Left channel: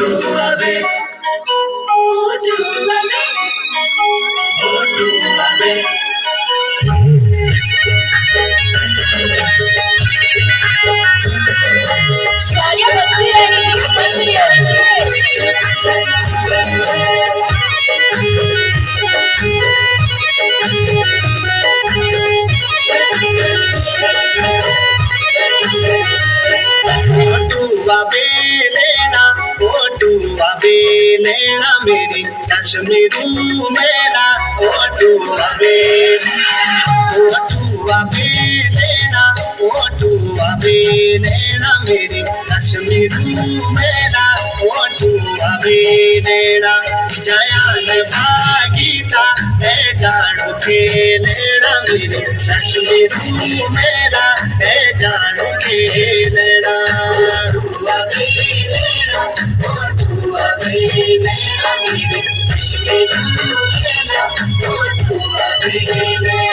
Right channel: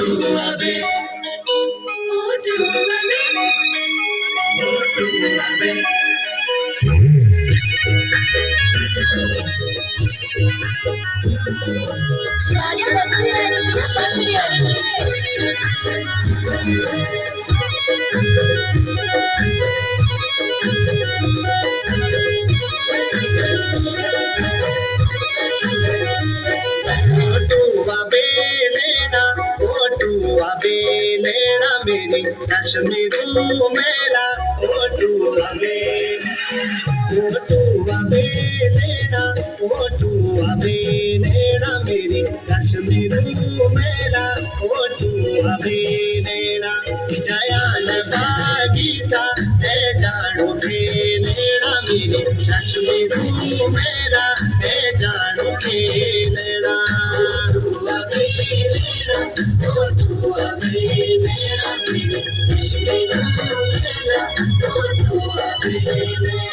Otuabe, Otuabe. Otuabe lena, Otuabe lena meri Kashmiru mela. Otuabe, Otuabe lena, Otuabe lena meri Kashmiru mela. Otuabe lena Jayan Bhagita hai jaano ke lena meri Kashmiru mela hai jaano ke lena. Otuabe lena, Otuabe lena meri Kashmiru mela. Otuabe lena.